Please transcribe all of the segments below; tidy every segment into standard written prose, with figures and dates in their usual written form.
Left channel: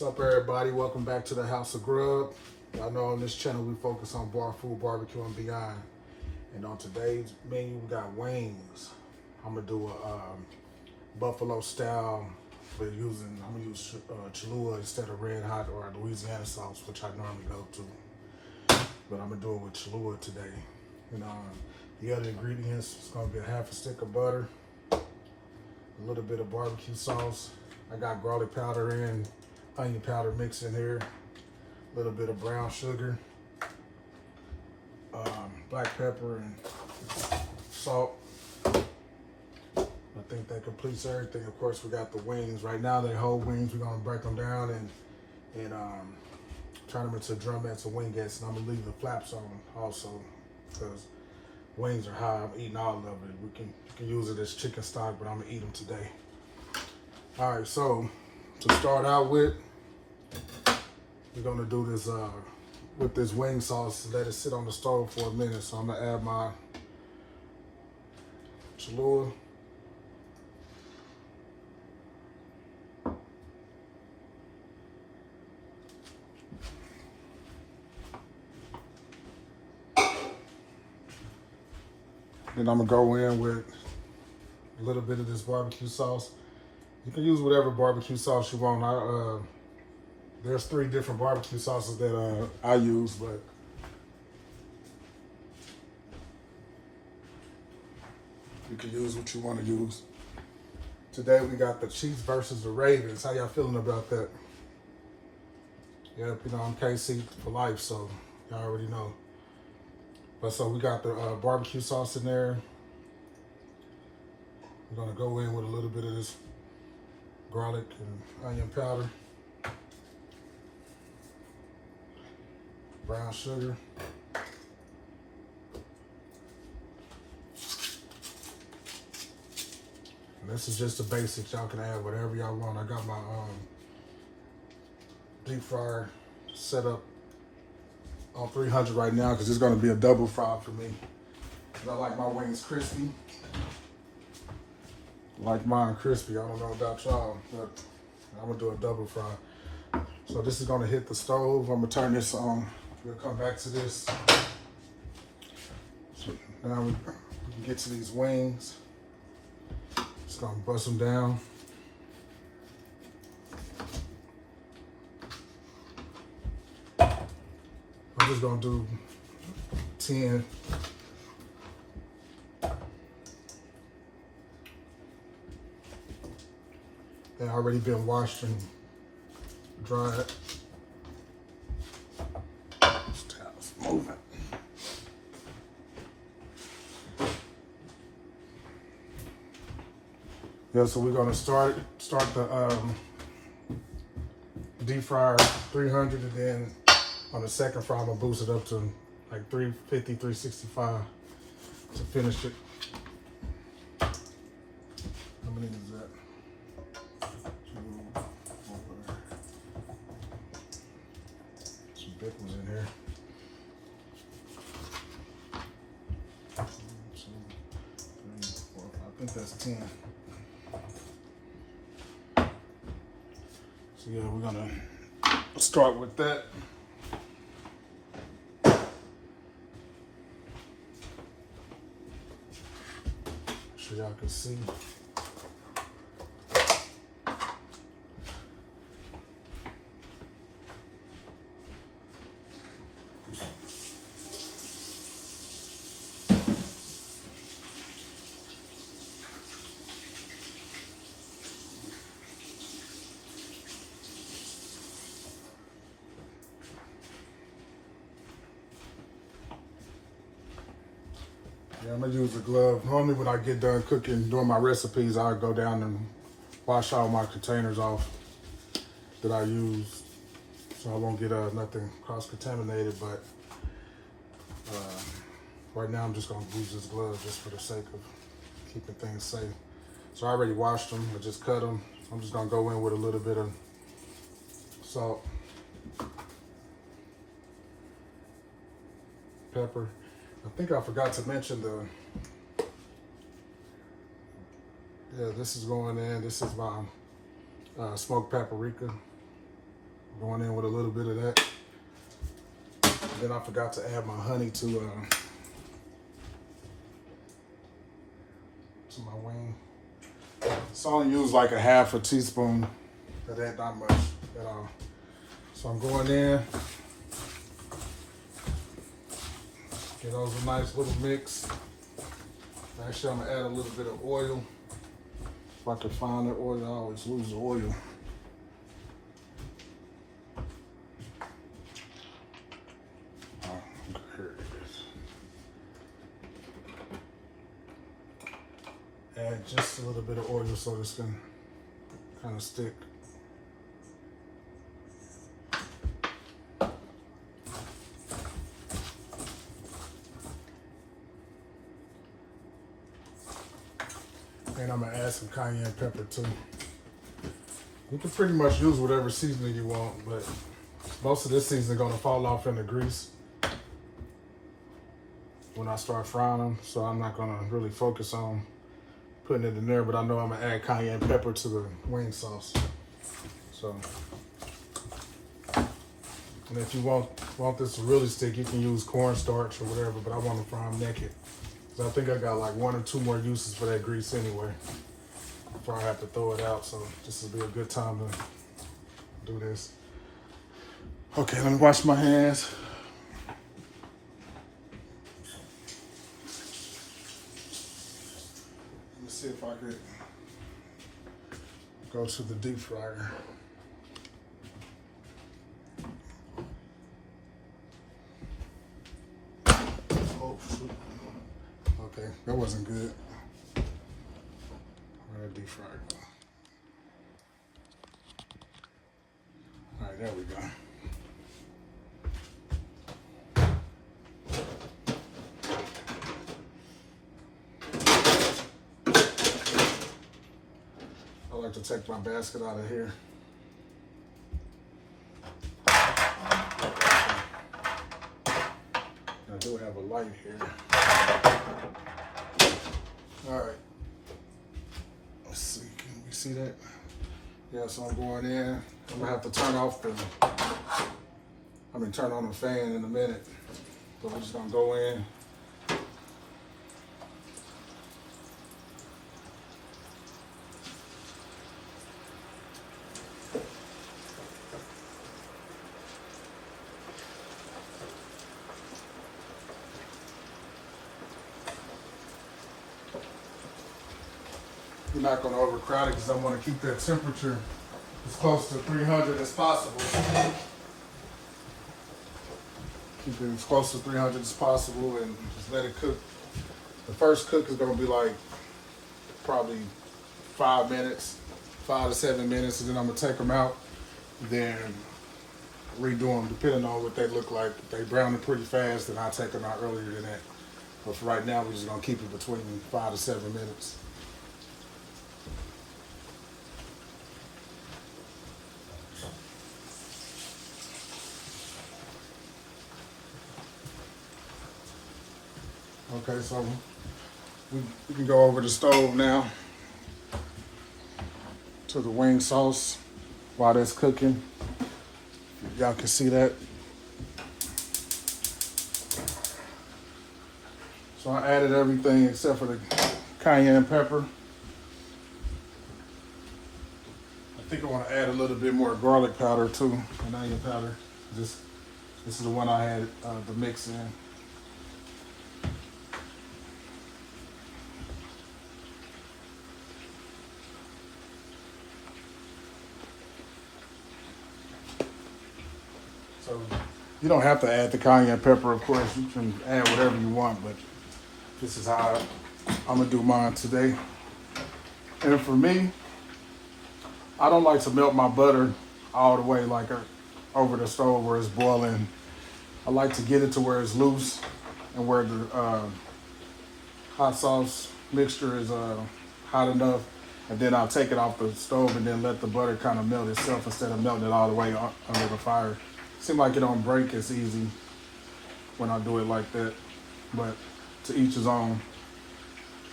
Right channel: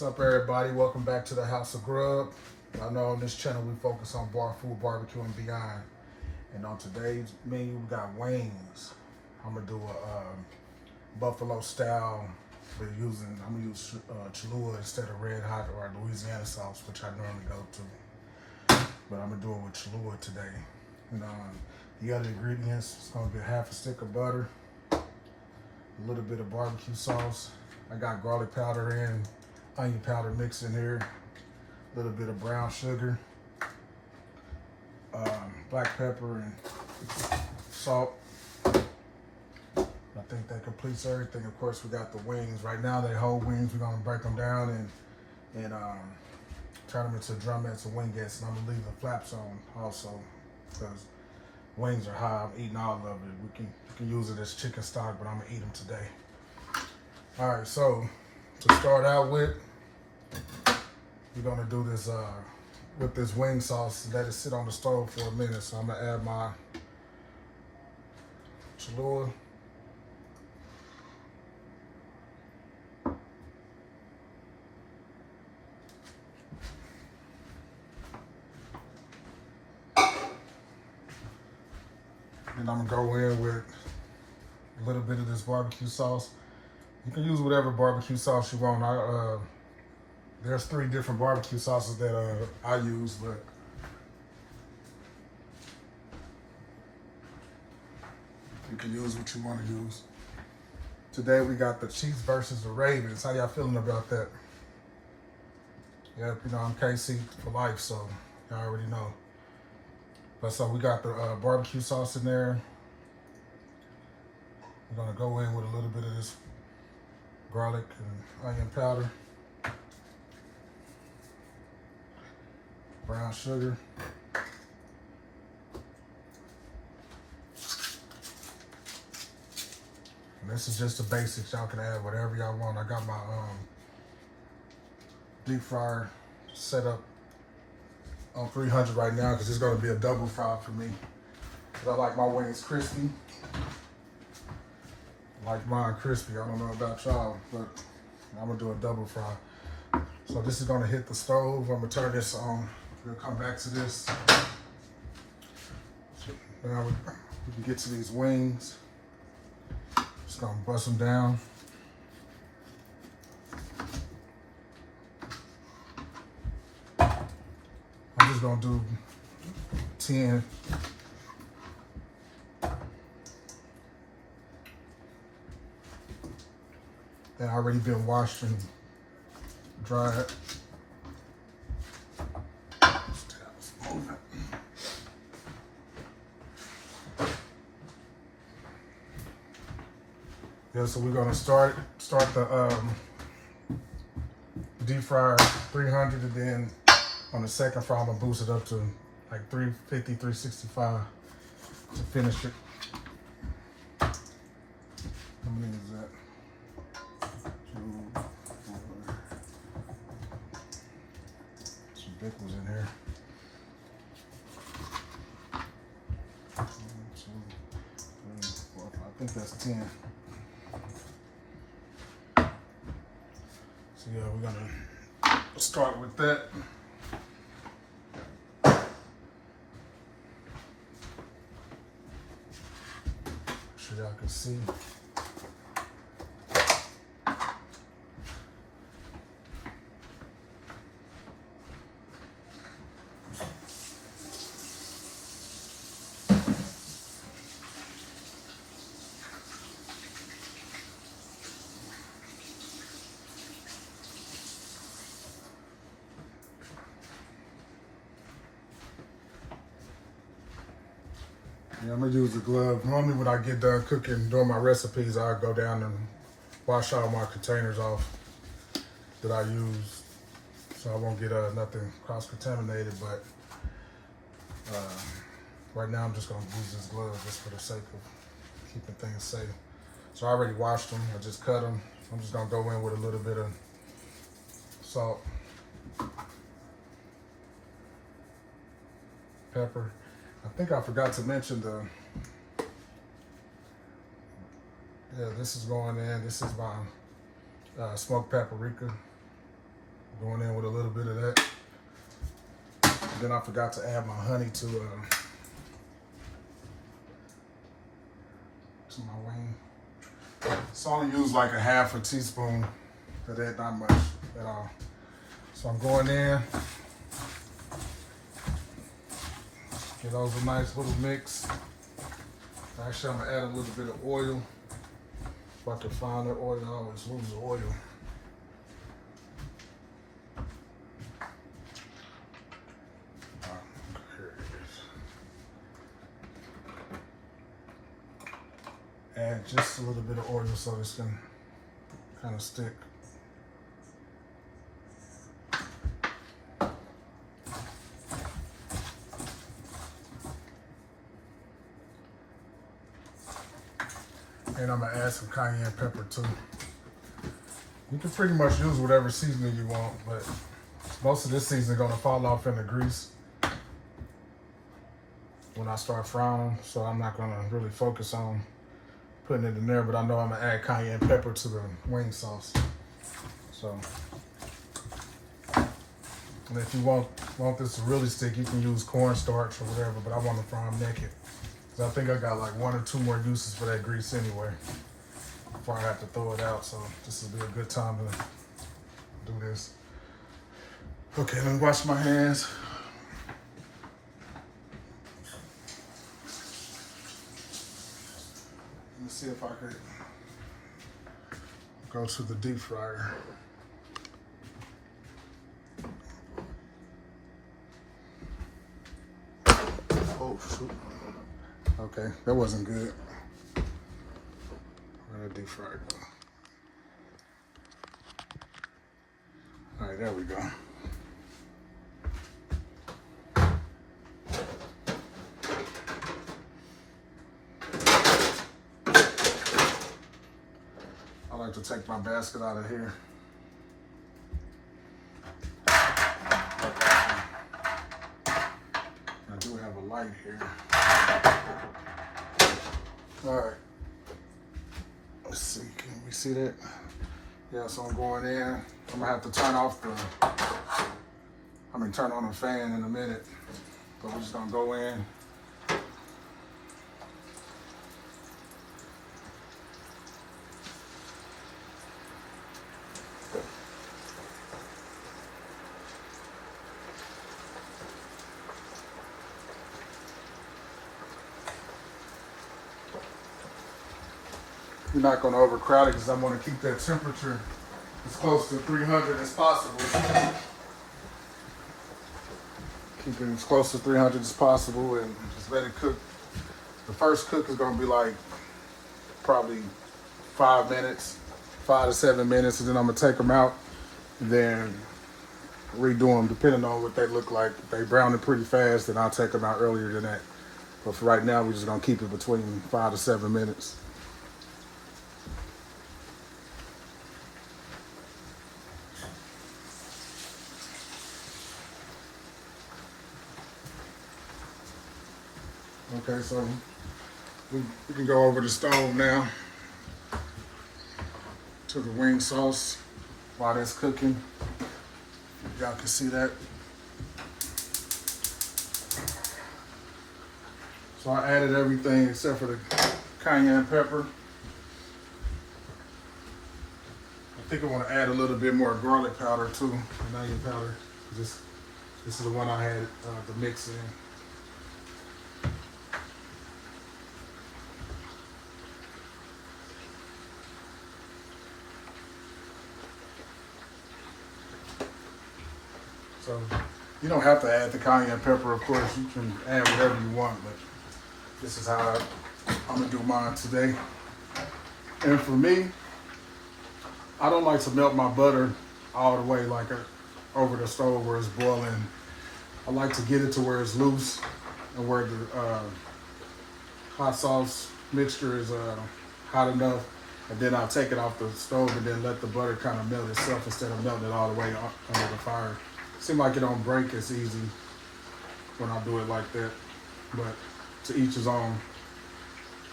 What's up, everybody? Welcome back to the House of Grub. I know on this channel we focus on bar food, barbecue, and beyond. And on today's menu, we got wings. I'm gonna do a buffalo style. I'm gonna use Cholula instead of red hot or Louisiana sauce, which I normally go to. But I'm gonna do it with Cholula today. And the other ingredients is gonna be a half a stick of butter, a little bit of barbecue sauce. I got garlic powder and onion powder mixed in here, a little bit of brown sugar, black pepper, and salt. I think that completes everything. Of course, we got the wings. Right now, they're whole wings. We're gonna break them down and turn them into drumettes or wingettes, and I'm gonna leave the flaps on also because wings are high. I'm eating all of it. You can use it as chicken stock, but I'm gonna eat them today. All right, so to start out with, we're gonna do this with this wing sauce. Let it sit on the stove for a minute. So I'm gonna add my Cholula. Then I'm gonna go in with a little bit of this barbecue sauce. You can use whatever barbecue sauce you want. There's 3 different barbecue sauces that I use, but you can use what you want to use. Today we got the Chiefs versus the Ravens. How y'all feeling about that? Yep, you know I'm KC for life, so y'all already know. But so we got the barbecue sauce in there. We're gonna go in with a little bit of this garlic and onion powder, brown sugar, and this is just the basics. Y'all can add whatever y'all want. I got my deep fryer set up on 300 right now because it's going to be a double fry for me. I like my wings crispy. I like mine crispy. I don't know about y'all, but I'm gonna do a double fry. So this is gonna hit the stove. I'm gonna turn this on. We'll come back to this. So now we can get to these wings. Just gonna bust them down. I'm just gonna do 10. They already been washed and dried. It's moving. Yeah, so we're gonna start the deep fryer 300, and then on the second fry I'm gonna boost it up to like 350, 365 to finish it. How many is that? 2, 4. Some big ones in here. 1, 2, 3, 4, 5. I think that's 10. So yeah, we're gonna start with that. So y'all can see. Yeah, I'm gonna use a glove. Normally when I get done cooking, doing my recipes, I go down and wash all my containers off that I use, so I won't get nothing cross-contaminated, but right now I'm just gonna use this glove just for the sake of keeping things safe. So I already washed them, I just cut them. I'm just gonna go in with a little bit of salt, pepper. I think I forgot to mention this is going in. This is my smoked paprika. Going in with a little bit of that. And then I forgot to add my honey to my wing. So I only use like a half a teaspoon of that, not much at all. So I'm going in. Get those a nice little mix. Actually, I'm gonna add a little bit of oil. If I can find the oil, I always lose the oil. Here it is. Add just a little bit of oil so this can kind of stick. And I'm gonna add some cayenne pepper too. You can pretty much use whatever seasoning you want, but most of this seasoning is gonna fall off in the grease when I start frying them. So I'm not gonna really focus on putting it in there, but I know I'm gonna add cayenne pepper to the wing sauce. So, and if you want this to really stick, you can use cornstarch or whatever, but I want to fry them naked. I think I got like 1 or 2 more uses for that grease anyway before I have to throw it out. So this will be a good time to do this. Okay, let me wash my hands. Let me see if I could go to the deep fryer. Oh, shoot. Okay, that wasn't good. Where did I deep fry go? All right, there we go. I like to take my basket out of here. I do have a light here. All right. Let's see. Can we see that? Yeah. So I'm going in. I'm gonna have to turn on the fan in a minute. But I'm just gonna go in. You're not going to overcrowd it because I want to keep that temperature as close to 300 as possible. Keep it as close to 300 as possible and just let it cook. The first cook is going to be like probably 5 minutes, 5 to 7 minutes, and then I'm going to take them out and then redo them depending on what they look like. If they brown it pretty fast, then I'll take them out earlier than that. But for right now, we're just going to keep it between 5 to 7 minutes. Okay, so we can go over the stove now to the wing sauce while that's cooking. Y'all can see that. So I added everything except for the cayenne pepper. I think I want to add a little bit more garlic powder too, and onion powder. This is the one I had the mix in. So you don't have to add the cayenne pepper, of course. You can add whatever you want, but this is how I'm gonna do mine today. And for me, I don't like to melt my butter all the way like over the stove where it's boiling. I like to get it to where it's loose and where the hot sauce mixture is hot enough. And then I'll take it off the stove and then let the butter kind of melt itself instead of melting it all the way under the fire. Seems like it don't break as easy when I do it like that, but to each his own.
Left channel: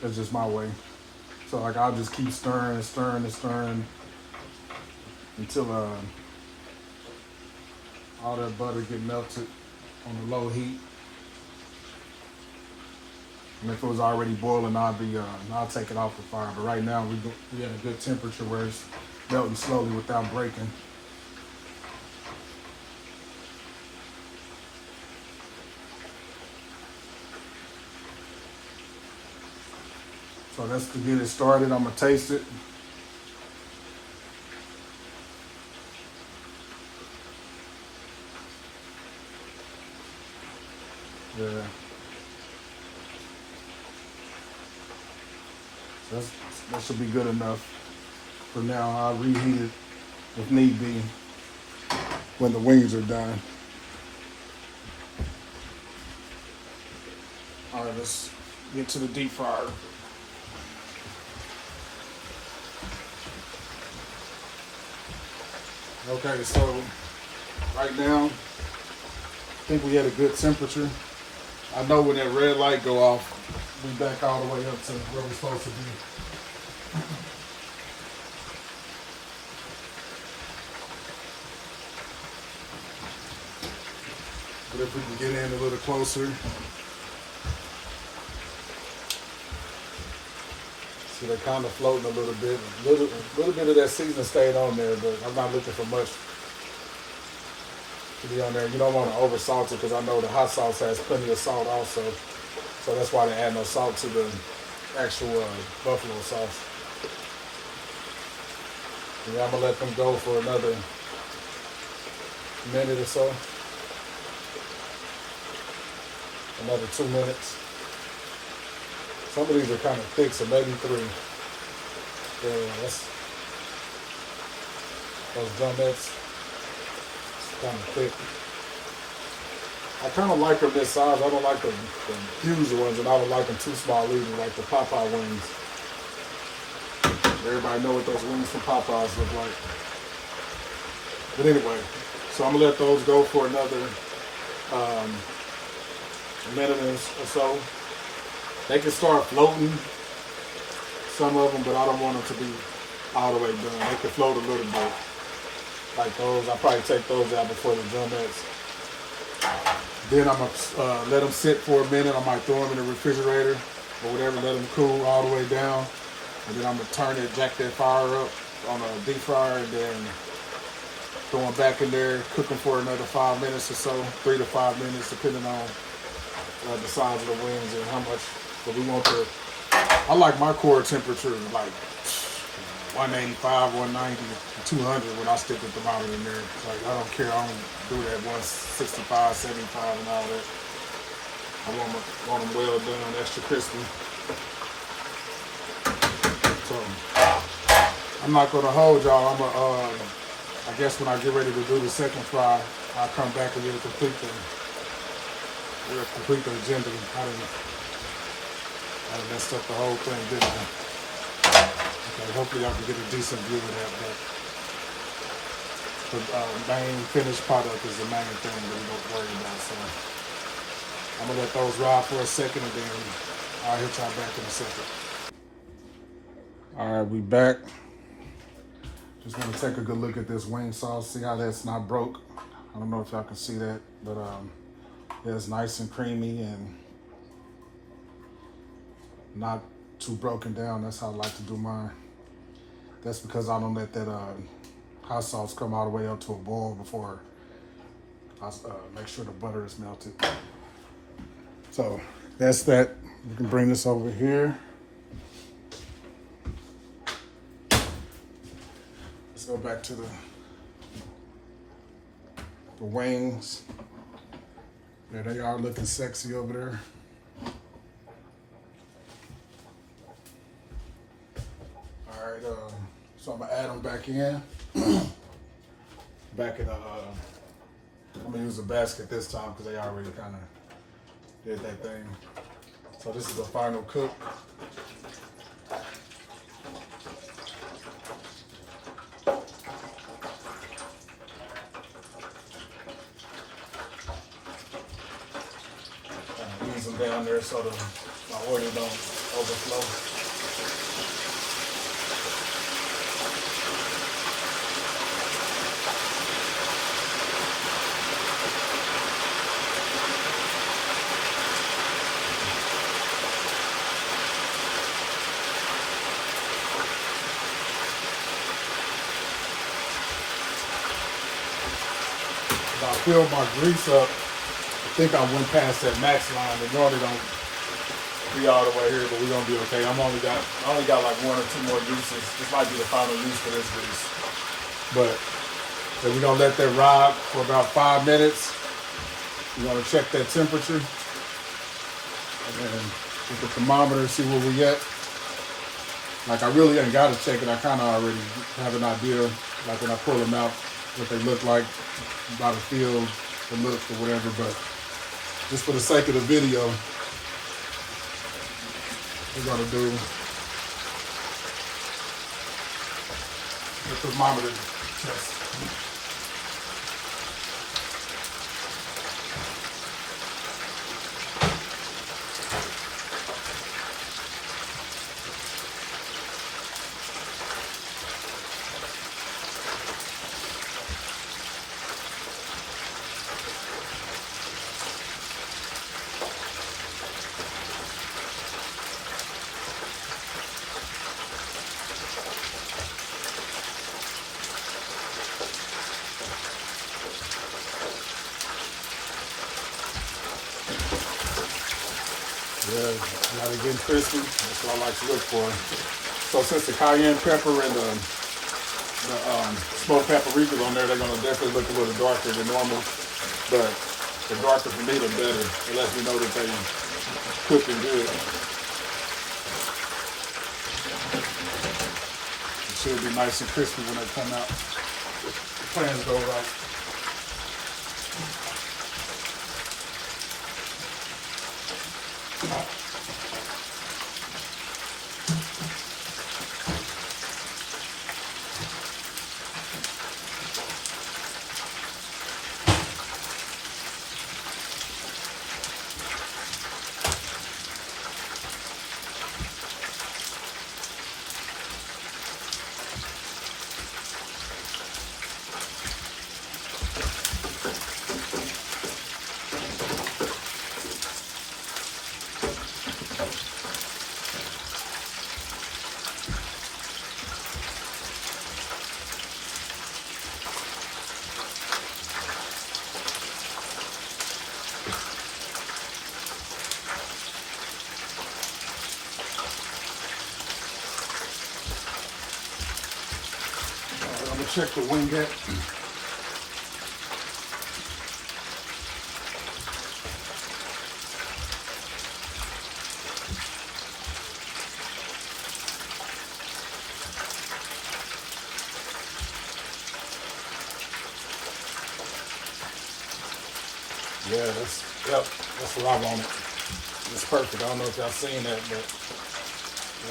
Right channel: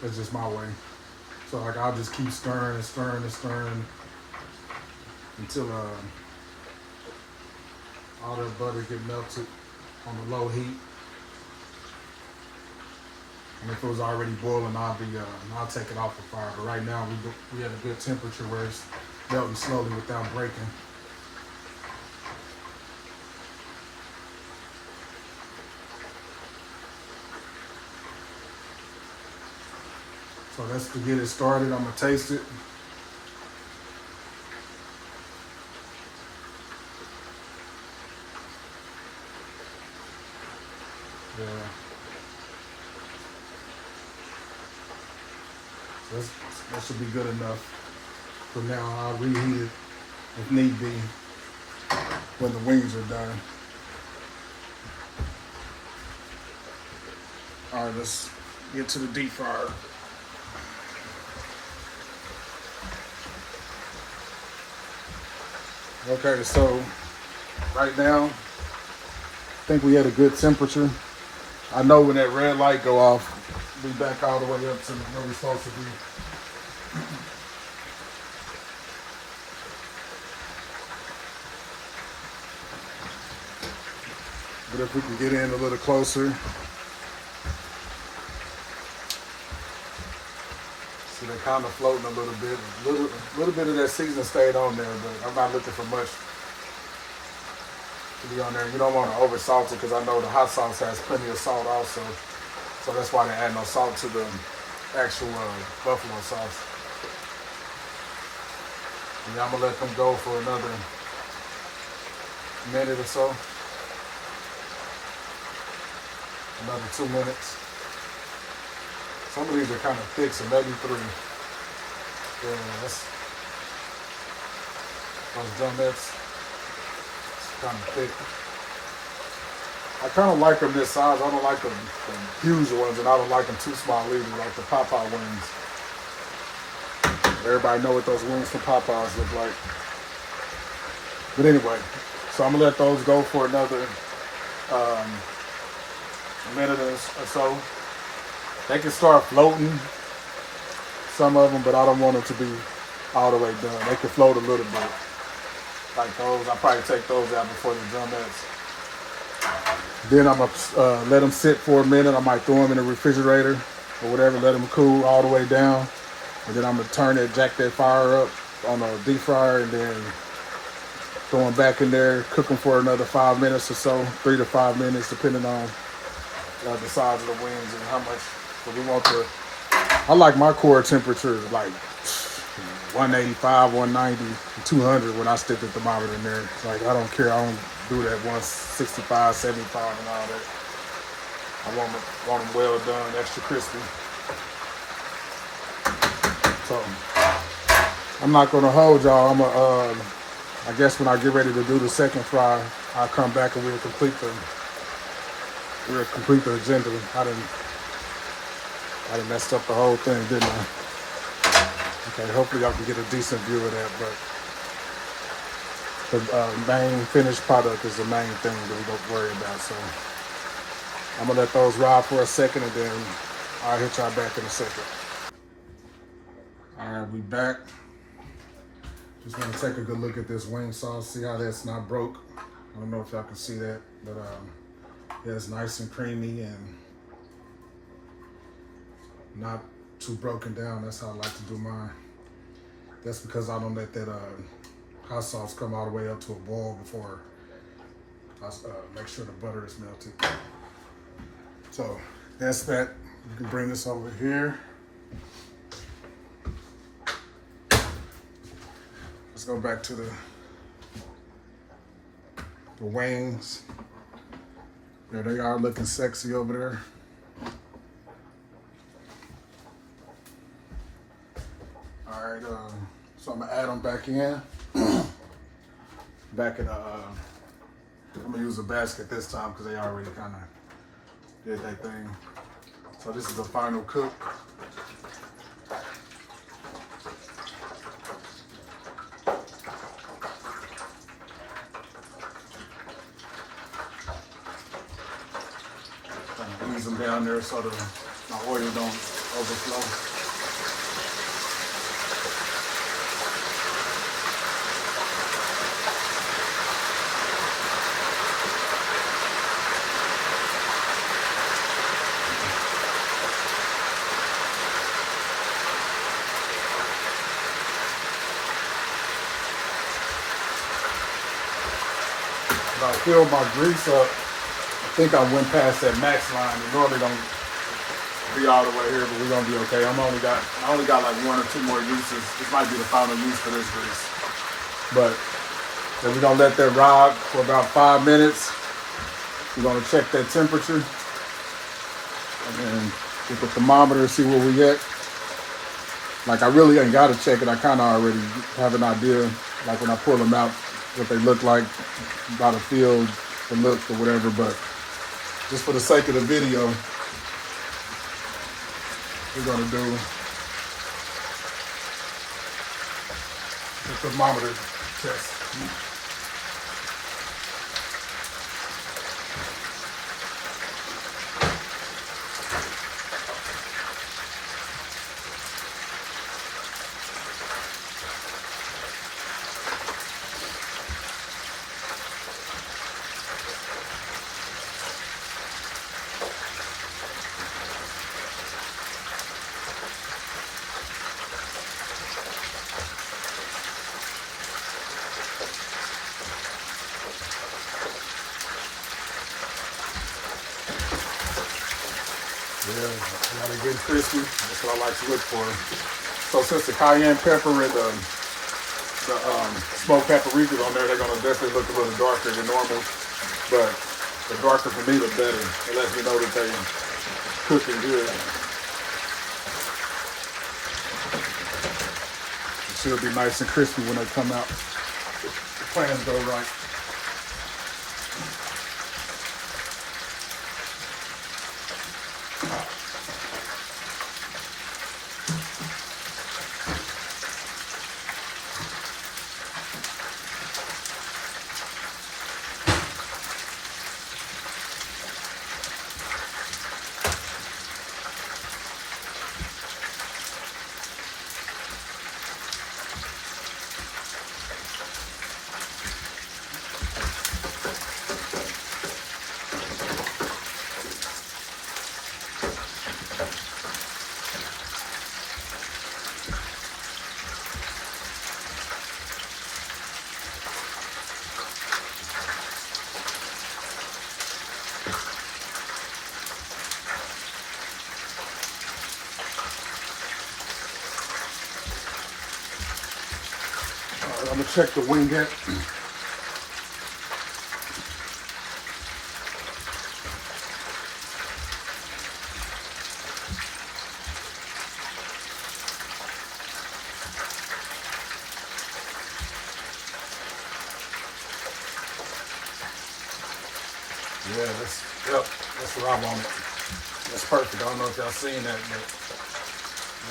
That's just my way. So like I'll just keep stirring until all that butter get melted on the low heat. And if it was already boiling, I'll take it off the fire. But right now we at a good temperature where it's melting slowly without breaking. So that's to get it started. I'm gonna taste it. Yeah. That should be good enough for now. I'll reheat it if need be when the wings are done. All right, let's get to the deep fryer. Okay, so right now, I think we had a good temperature. I know when that red light go off, we back all the way up to where we're supposed to be. But if we can get in a little closer. See, they're kind of floating a little bit. A little bit of that seasoning stayed on there, but I'm not looking for much to be on there. You don't want to over salt it because I know the hot sauce has plenty of salt also. So that's why they add no salt to the actual buffalo sauce. And I'm gonna let them go for another minute or so. Another 2 minutes. Some of these are kind of thick, so maybe 3. Yeah, that's those drumettes. It's kind of thick. I kind of like them this size. I don't like the huge ones, and I don't like them too small either, like the Popeye wings. Everybody know what those wings from Popeyes look like. But anyway, so I'm gonna let those go for another minute or so. They can start floating, some of them, but I don't want them to be all the way done. They can float a little bit. Like those, I'll probably take those out before the drumettes. Then I'm gonna let them sit for a minute. I might throw them in the refrigerator or whatever, let them cool all the way down. And then I'm gonna turn it, jack that fire up on a deep fryer, and then throw them back in there, cook them for another 5 minutes or so, 3 to 5 minutes, depending on the size of the wings and how much. But we want to. I like my core temperature like 185, 190, 200 when I stick the thermometer in there. Like I don't care. I don't do that 165, 75, and all that. I want them well done, extra crispy. So I'm not gonna hold y'all. I guess when I get ready to do the second fry, I'll come back and we'll complete the agenda. I done messed up the whole thing, didn't I? Okay, hopefully y'all can get a decent view of that, but the main finished product is the main thing that we don't worry about. So I'm gonna let those ride for a second, and then I'll hit y'all back in a second. All right, we back. Just want to take a good look at this wing sauce, see how that's not broke. I don't know if y'all can see that, but yeah, it's nice and creamy and not too broken down. That's how I like to do mine. That's because I don't let that hot sauce come all the way up to a boil before I make sure the butter is melted. So that's that. You can bring this over here. Let's go back to the wings. There they are, looking sexy over there. All right, so I'm gonna add them back in. Back in I'm gonna use a basket this time because they already kind of did that thing. So this is the final cook. Ease them down there so my oil don't overflow. I filled my grease up. I think I went past that max line. It normally don't be all the way here, but we're gonna be okay. I only got like 1 or 2 more uses. This might be the final use for this grease. But so we're gonna let that ride for about 5 minutes. We're gonna check that temperature. And then with the thermometer, see where we at. Like I really ain't gotta check it. I kinda already have an idea, like when I pull them out, what they look like by the feel, the look or whatever, but just for the sake of the video, we're gonna do the thermometer test. Yeah, now they're getting crispy. That's what I like to look for. So since the cayenne pepper and the smoked paprika on there, they're gonna definitely look a little darker than normal. But the darker for me, the better. It lets me know that they cooking good. It should be nice and crispy when they come out. The plans go right. I'm gonna check the wingette. Yeah, that's what I want. That's perfect. I don't know if y'all seen that, but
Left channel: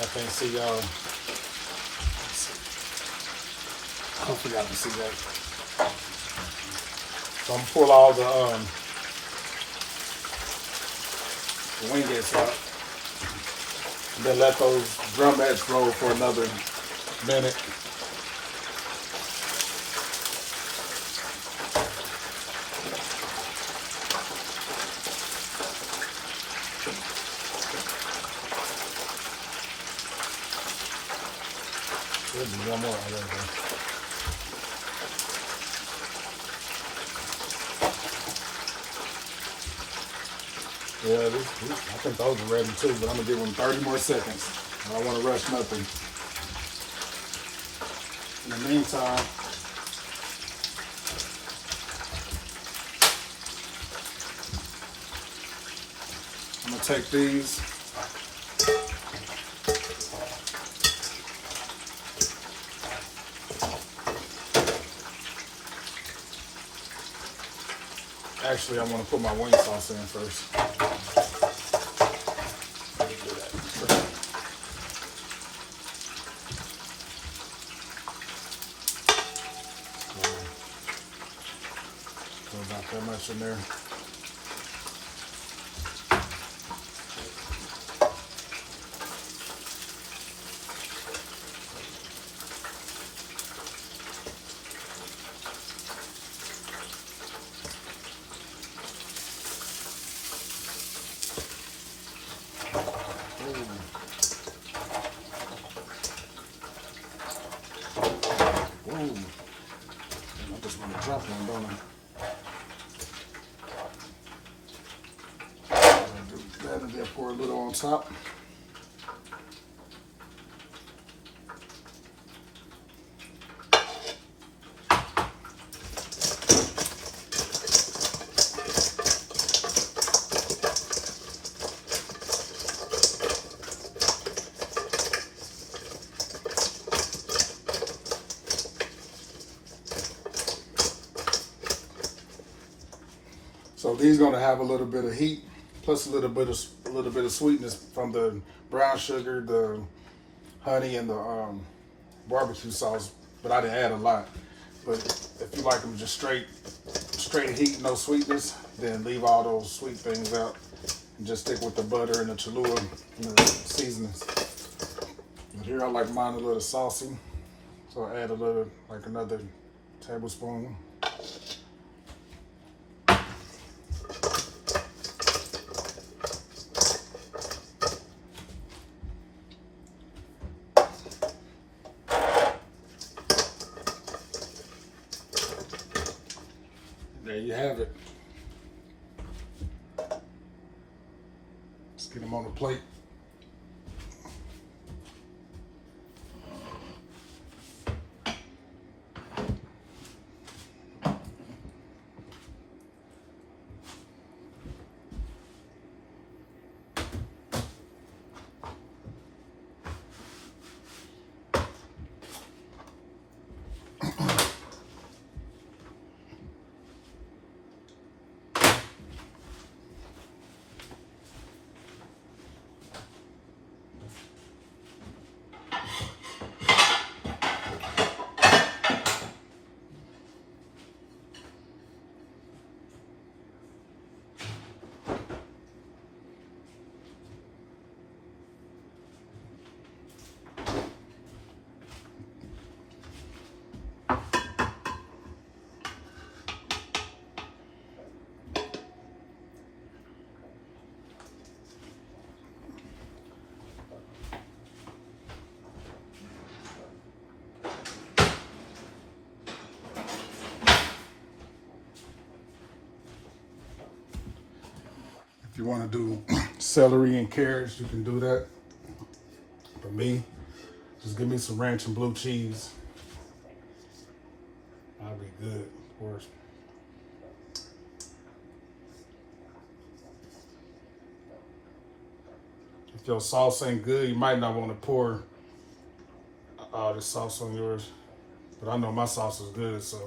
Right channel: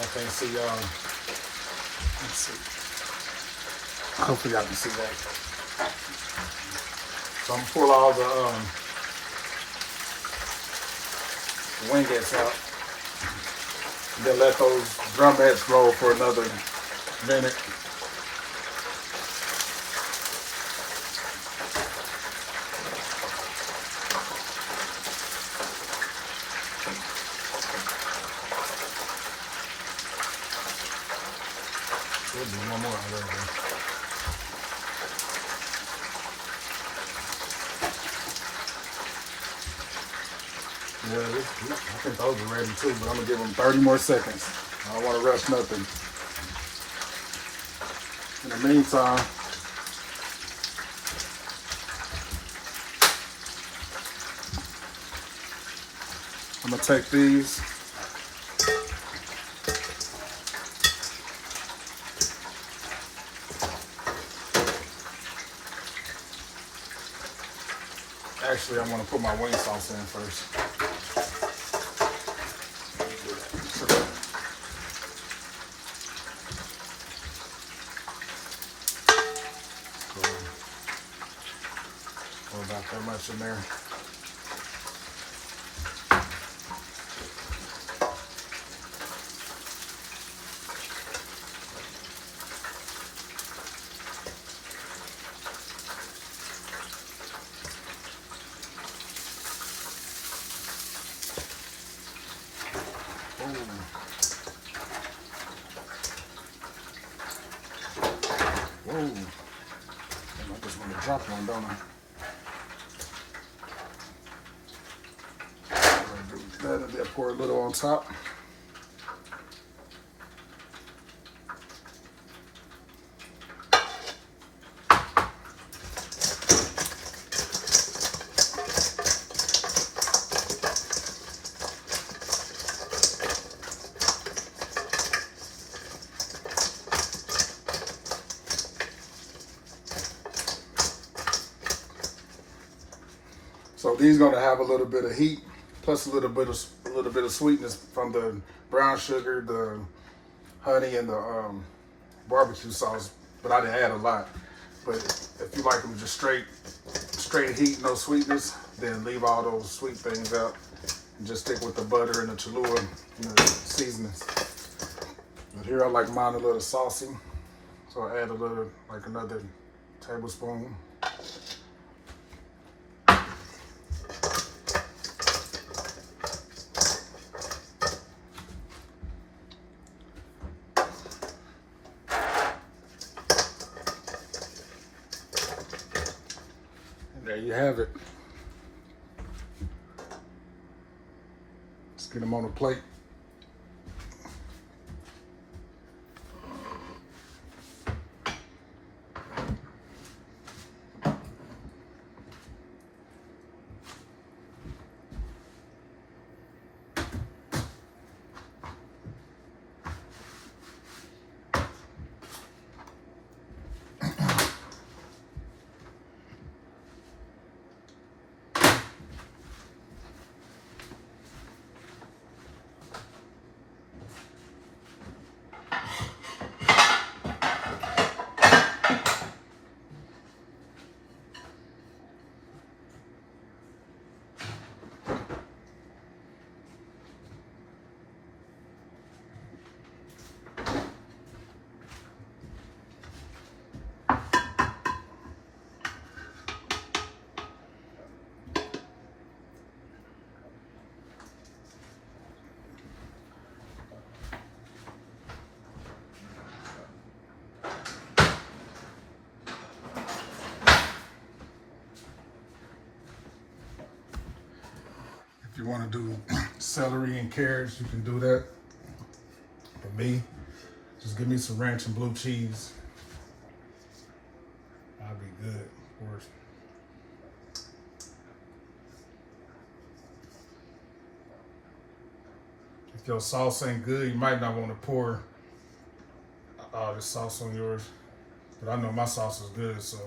I can't see y'all. Let's see. Hopefully y'all can see that. So I'm gonna pull all the wingettes out. And then let those drumettes roll for another minute. Should be one more. Yeah, I think those are ready too, but I'm gonna give them 30 more seconds. I don't want to rush nothing. In the meantime, I'm gonna take these. Actually, I want to put my wing sauce in first. Let me do that. Put about that much in there. Whoa. I just want to drop one, don't I? pour a little on top. So these gonna have a little bit of heat, plus a little bit of sweetness from the brown sugar, the honey, and the barbecue sauce. But I didn't add a lot. But if you like them just straight heat, no sweetness, then leave all those sweet things out and just stick with the butter and the Cholula and the seasonings. But here I like mine a little saucy, so I add a little, like another tablespoon. There you have it. Let's get them on a plate. If you want to do celery and carrots, you can do that. For me, just give me some ranch and blue cheese. I'll be good, of course. If your sauce ain't good, you might not want to pour all this sauce on yours. But I know my sauce is good, so.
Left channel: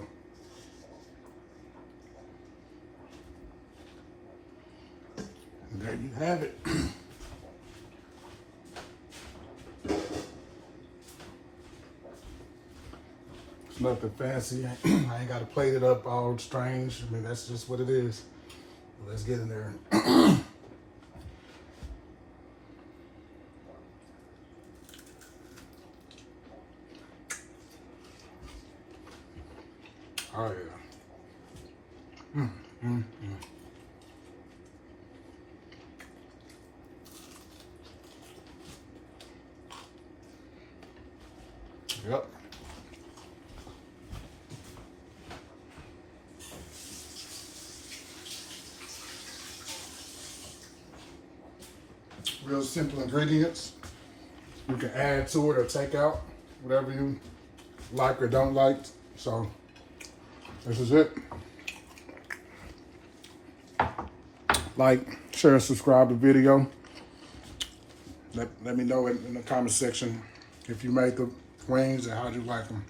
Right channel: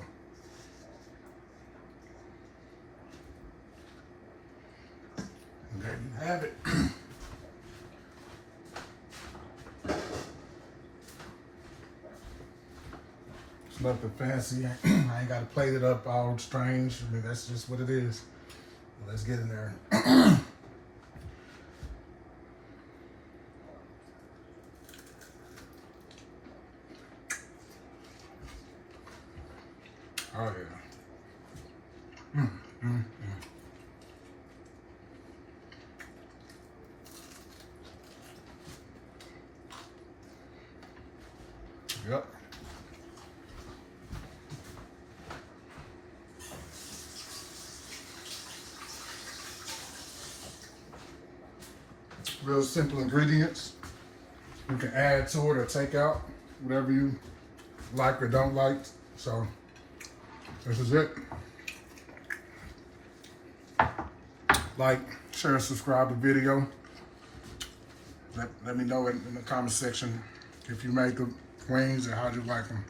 And there you have it. It's nothing fancy. I ain't got to plate it up all strange. I mean, that's just what it is. Let's get in there. Oh, yeah. Yep. Real simple ingredients. You can add to it or take out, whatever you like or don't like. So this is it. Like, share, and subscribe to the video. Let me know in the comment section if you made the wings and how'd you like them.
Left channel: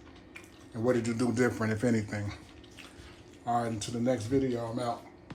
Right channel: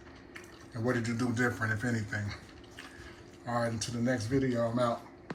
And what did you do different, if anything. All right, until the next video, I'm out.